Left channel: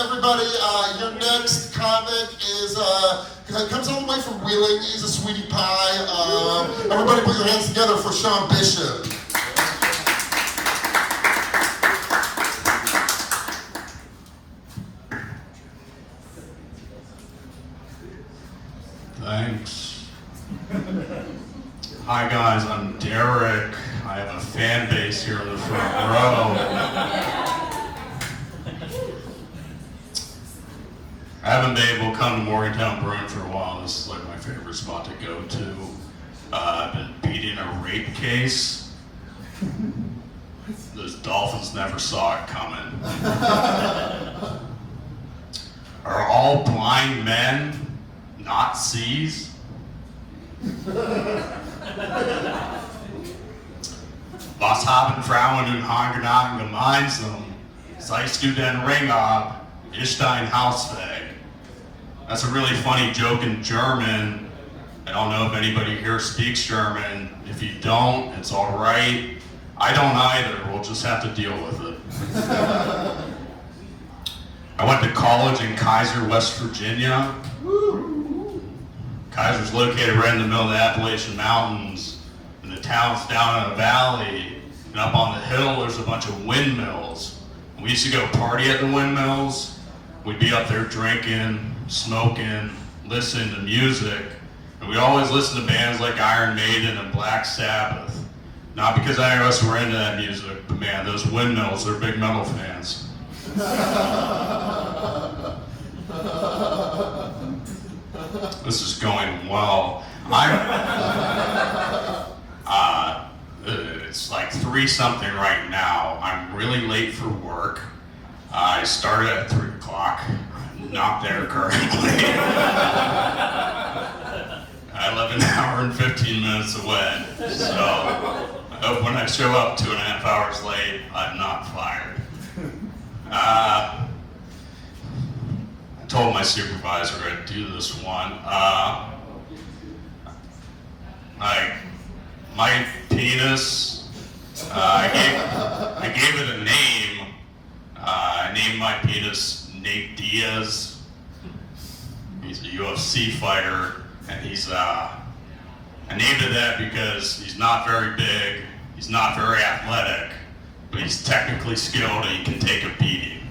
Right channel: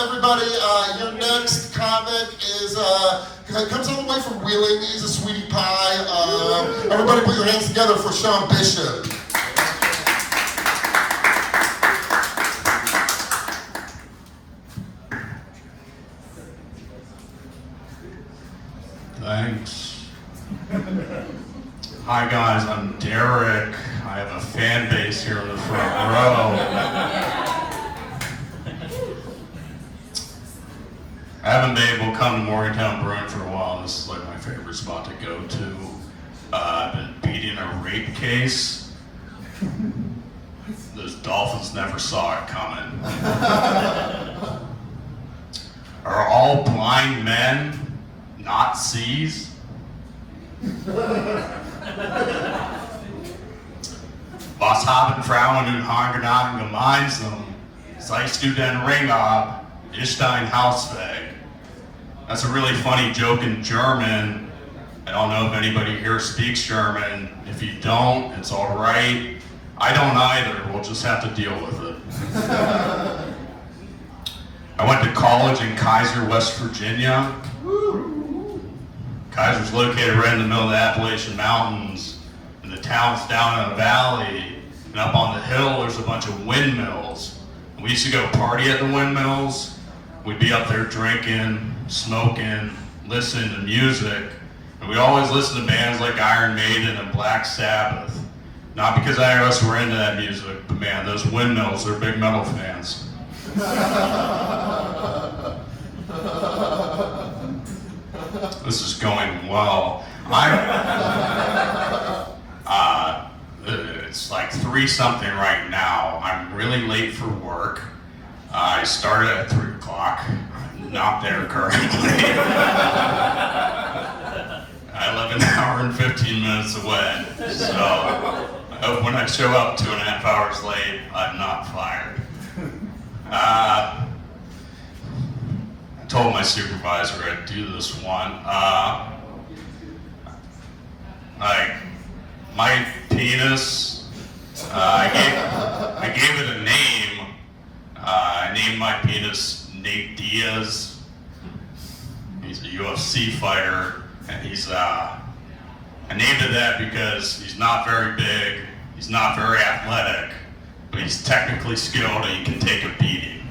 Everybody, your next comic is comes all the way from Wheeling. He's a sweetie pie. Everybody put your hands together for Sean Bishop. Thanks. Hi guys, I'm Derek. I have a fan base here in the front row. I haven't been able to come to Morgantown Brewing for a while. This is like my favorite spot to go to. I've been beating a rape case. Those dolphins never saw it coming. Are all blind men not sees? Was haben Frauen und Hagenhagen gemeinsam? Seist du den Ring ab? Ist dein Haus weg? That's a really funny joke in German. I don't know if anybody here speaks German. If you don't, it's all right. I don't either. We'll just have to deal with it. I went to college in Kaiser, West Virginia. Kaiser's located right in the middle of the Appalachian Mountains, and the town's down in a valley, and up on the hill there's a bunch of windmills. And we used to go party at the windmills. We'd be up there drinking, smoking, listening to music, and we always listened to bands like Iron Maiden and Black Sabbath. Not because any of us were into that music, but man, those windmills, they're big metal fans. This is going well. It's like 3-something right now. I'm really late for work. I started at 3 o'clock. I'm not there currently. I live an hour and 15 minutes away. So I hope when I show up 2.5 hours late, I'm not fired. I told my supervisor I'd do this one. My penis, I gave it a name. I named my penis Nate Diaz. He's a UFC fighter, and I named it that because he's not very big, he's not very athletic, but he's technically skilled and he can take a beating.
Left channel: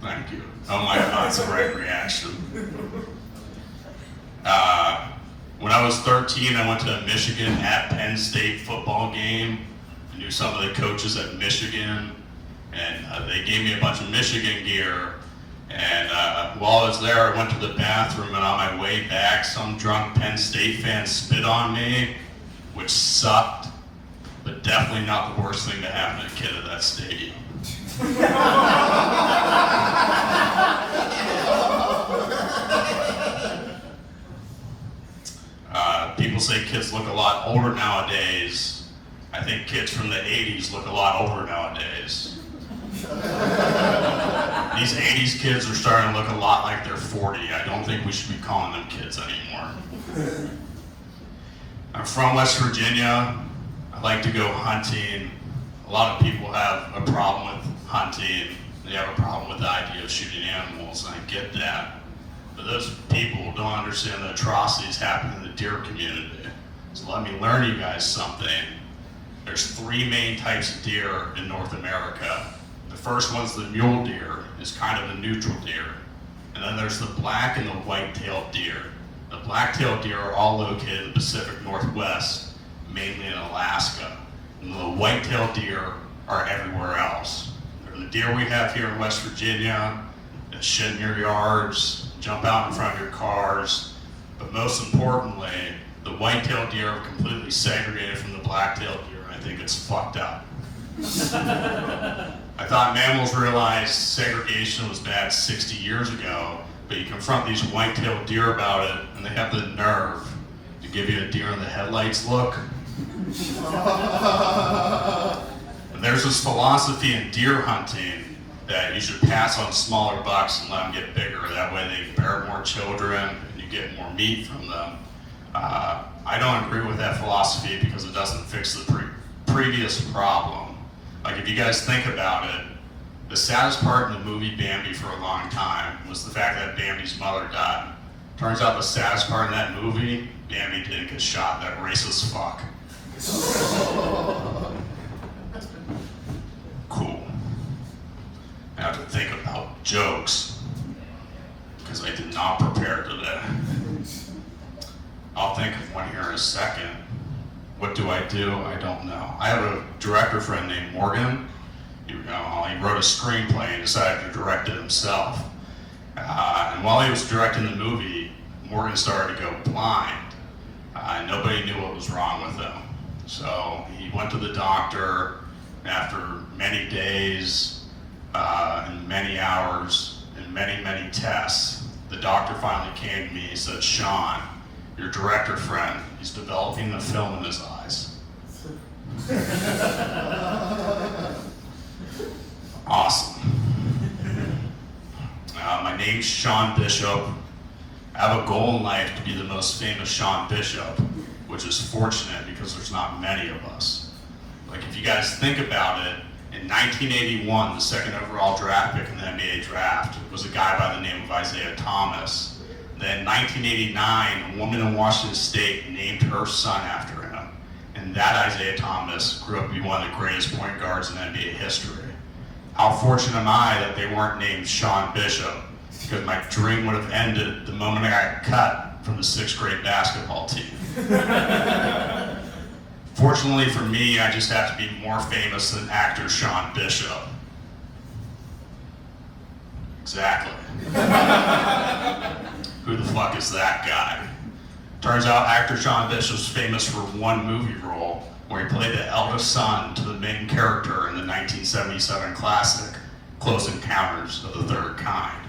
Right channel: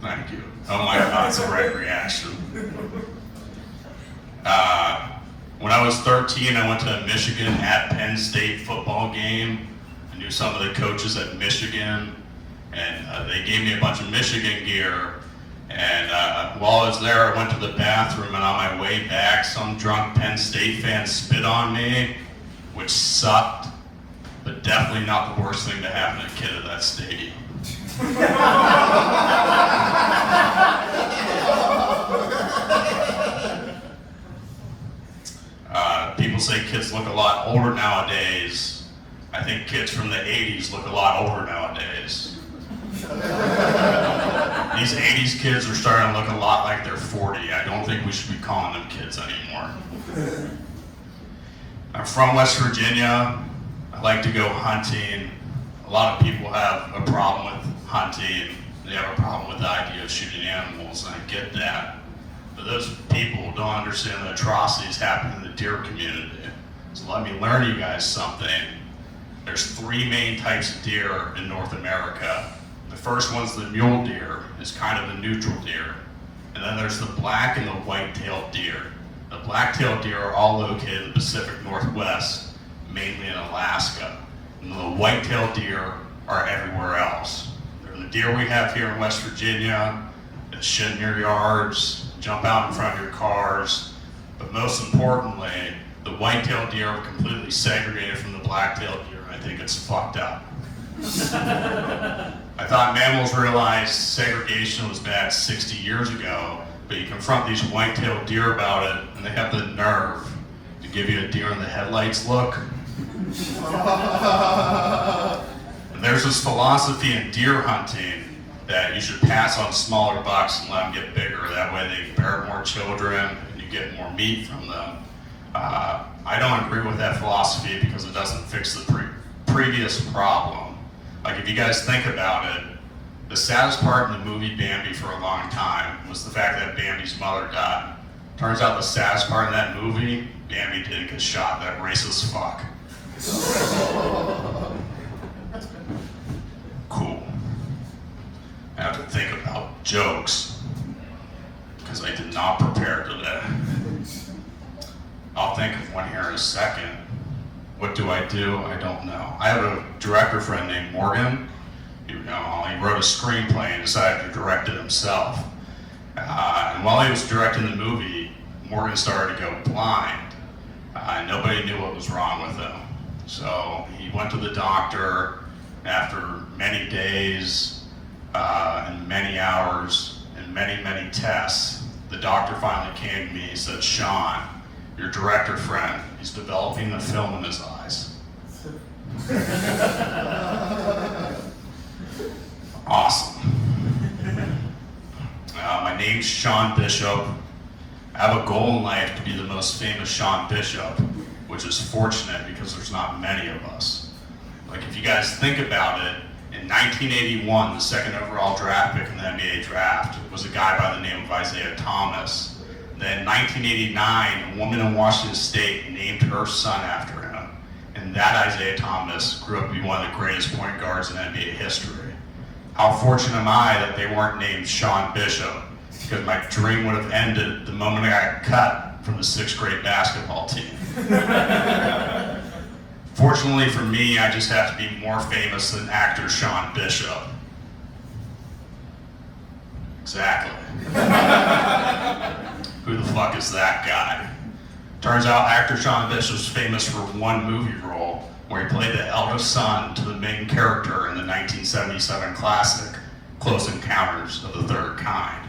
Thank you. Oh my God, that's the right reaction. When I was 13, I went to a Michigan at Penn State football game. I knew some of the coaches at Michigan, and they gave me a bunch of Michigan gear. And while I was there, I went to the bathroom, and on my way back, some drunk Penn State fan spit on me, which sucked, but definitely not the worst thing to happen to a kid at that stadium. People say kids look a lot older nowadays. I think kids from the 80s look a lot older nowadays. These 80s kids are starting to look a lot like they're 40. I don't think we should be calling them kids anymore. I'm from West Virginia. I like to go hunting. A lot of people have a problem with hunting. They have a problem with the idea of shooting animals, and I get that. But those people don't understand the atrocities happening in the deer community. So let me learn you guys something. There's 3 main types of deer in North America. The first one's the mule deer. It's kind of a neutral deer. And then there's the black and the white-tailed deer. The black-tailed deer are all located in the Pacific Northwest, mainly in Alaska. And the white-tailed deer are everywhere else. They're the deer we have here in West Virginia that shit in your yards, jump out in front of your cars, but most importantly, the white-tailed deer are completely segregated from the black-tailed deer, and I think it's fucked up. I thought mammals realized segregation was bad 60 years ago, but you confront these white-tailed deer about it, and they have the nerve to give you a deer in the headlights look. And there's this philosophy in deer hunting that you should pass on smaller bucks and let them get bigger. That way they bear more children and you get more meat from them. I don't agree with that philosophy because it doesn't fix the previous problem. Like, if you guys think about it, the saddest part in the movie Bambi for a long time was the fact that Bambi's mother died. Turns out the saddest part in that movie, Bambi didn't get shot, that racist fuck. Cool. I have to think about jokes, because I did not prepare today. I'll think of one here in a second. What do? I don't know. I have a director friend named Morgan. He wrote a screenplay and decided to direct it himself. And while he was directing the movie, Morgan started to go blind. Nobody knew what was wrong with him. So he went to the doctor. After many days and many hours and many tests, the doctor finally came to me and said, "Sean, your director friend, he's developing a film in his eyes." Awesome. My name's Sean Bishop. I have a goal in life to be the most famous Sean Bishop, which is fortunate because there's not many of us. Like, if you guys think about it, in 1981, the second overall draft pick in the NBA draft was a guy by the name of Isaiah Thomas. Then in 1989, a woman in Washington State named her son after him. And that Isaiah Thomas grew up to be one of the greatest point guards in NBA history. How fortunate am I that they weren't named Sean Bishop, because my dream would have ended the moment I got cut from the 6th grade basketball team. Fortunately for me, I just have to be more famous than actor Sean Bishop. Exactly. Who the fuck is that guy? Turns out actor Sean Bishop's famous for one movie role where he played the eldest son to the main character in the 1977 classic, Close Encounters of the Third Kind.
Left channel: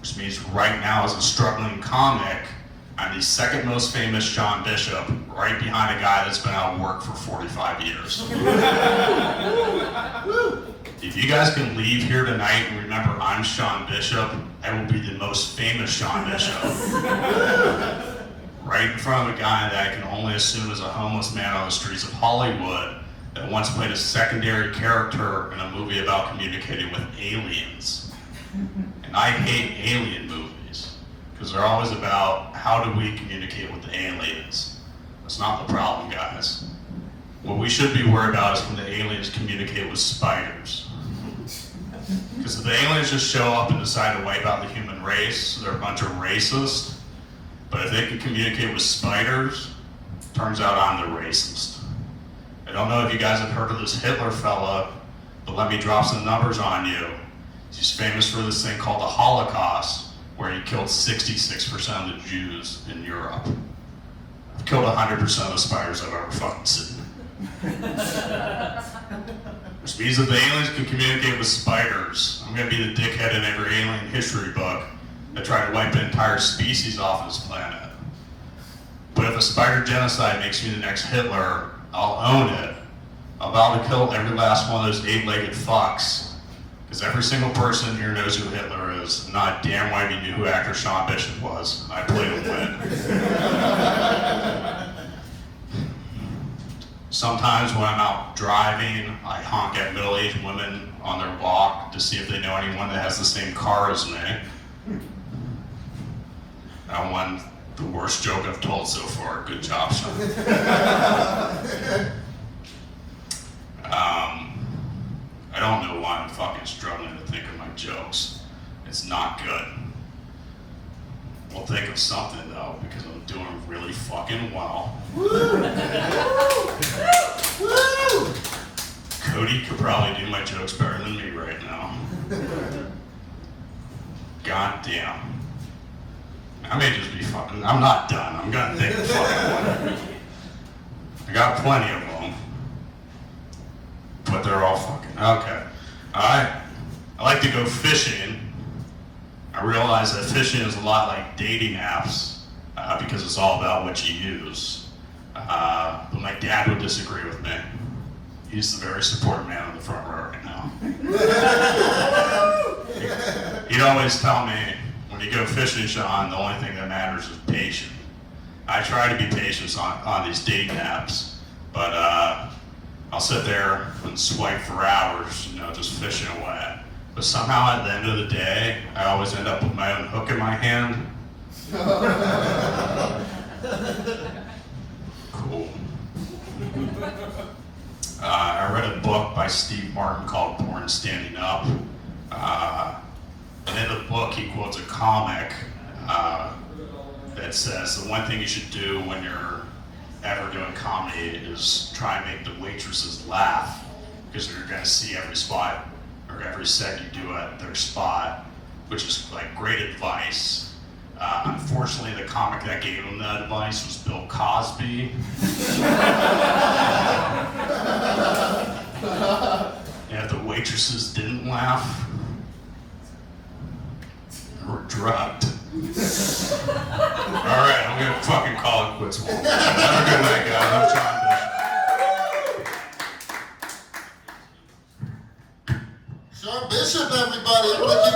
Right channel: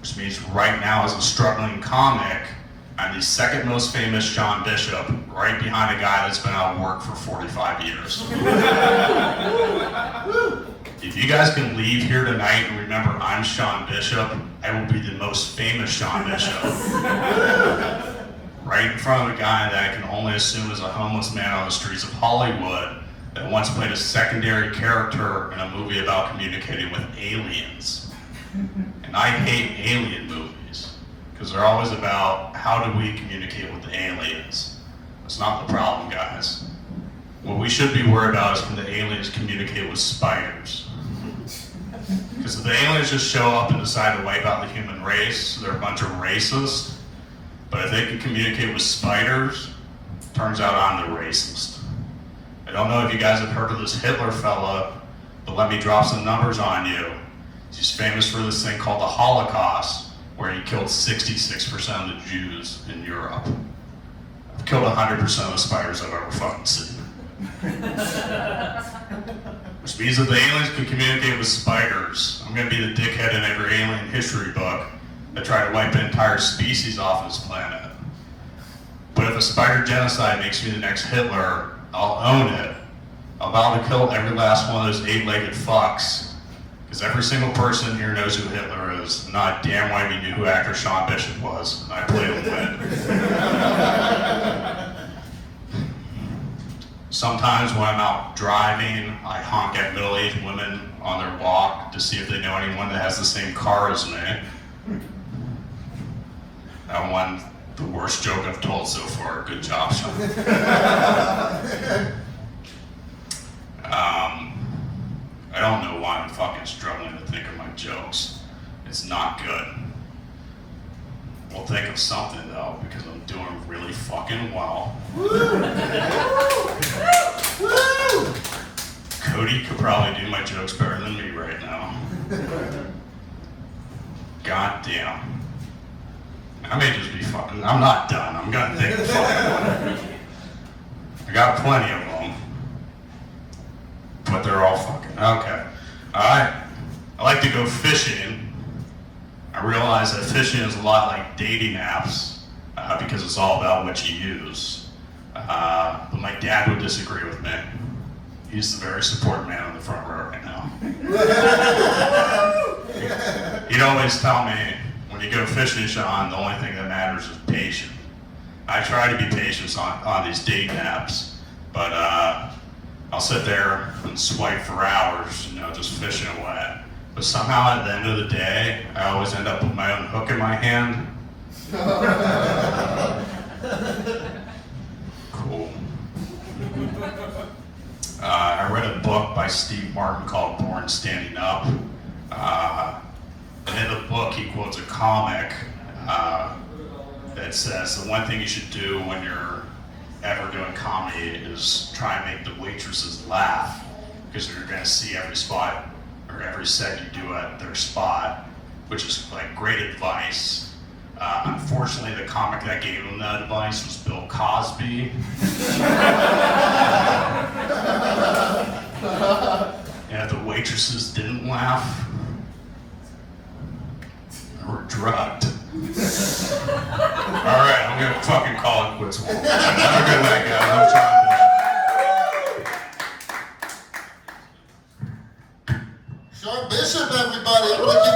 Which means right now, as a struggling comic, I'm the second most famous Sean Bishop, right behind a guy that's been out of work for 45 years. If you guys can leave here tonight and remember I'm Sean Bishop, I will be the most famous Sean Bishop. Right in front of a guy that I can only assume is a homeless man on the streets of Hollywood that once played a secondary character in a movie about communicating with aliens. And I hate alien movies, because they're always about how do we communicate with the aliens. That's not the problem, guys. What we should be worried about is can the aliens communicate with spiders? Because if the aliens just show up and decide to wipe out the human race, they're a bunch of racists. But if they can communicate with spiders, turns out I'm the racist. I don't know if you guys have heard of this Hitler fella, but let me drop some numbers on you. He's famous for this thing called the Holocaust, where he killed 66% of the Jews in Europe. I've killed 100% of the spiders I've ever fucking seen. Which means that the aliens can communicate with spiders. I'm gonna be the dickhead in every alien history book that tried to wipe an entire species off this planet. But if a spider genocide makes me the next Hitler, I'll own it. I'll vow to kill every last one of those 8-legged fucks. Because every single person here knows who Hitler is, and not damn well you knew who actor Sean Bishop was, and I played him win. Sometimes when I'm out driving, I honk at middle-aged women on their walk to see if they know anyone that has the same car as me. That one, the worst joke I've told so far. Good job, Sean. I don't know why I'm fucking struggling to think of my jokes. It's not good. We'll think of something though, because I'm doing really fucking well. Cody could probably do my jokes better than me right now. God damn. I may just be fucking, I'm not done. I'm gonna think of fucking one. I got plenty of them. But they're all fucking, okay. Alright. I like to go fishing. I realize that fishing is a lot like dating apps because it's all about what you use. But my dad would disagree with me. He's the very supportive man on the front row right now. He'd always tell me, when you go fishing, Sean, the only thing that matters is patience. I try to be patient on these dating apps, but I'll sit there and swipe for hours, just fishing away. But somehow at the end of the day, I always end up with my own hook in my hand. Cool. I read a book by Steve Martin called Born Standing Up. And in the book, he quotes a comic that says the one thing you should do when you're ever doing comedy is try and make the waitresses laugh, because you're going to see every spot or every set you do at their spot, which is like great advice. Unfortunately, the comic that gave him that advice was Bill Cosby. And if the waitresses didn't laugh, they were drugged. All right, I'm gonna fucking call it quits. Have a good night, guys. I'm trying to. Sean Bishop, everybody. Everybody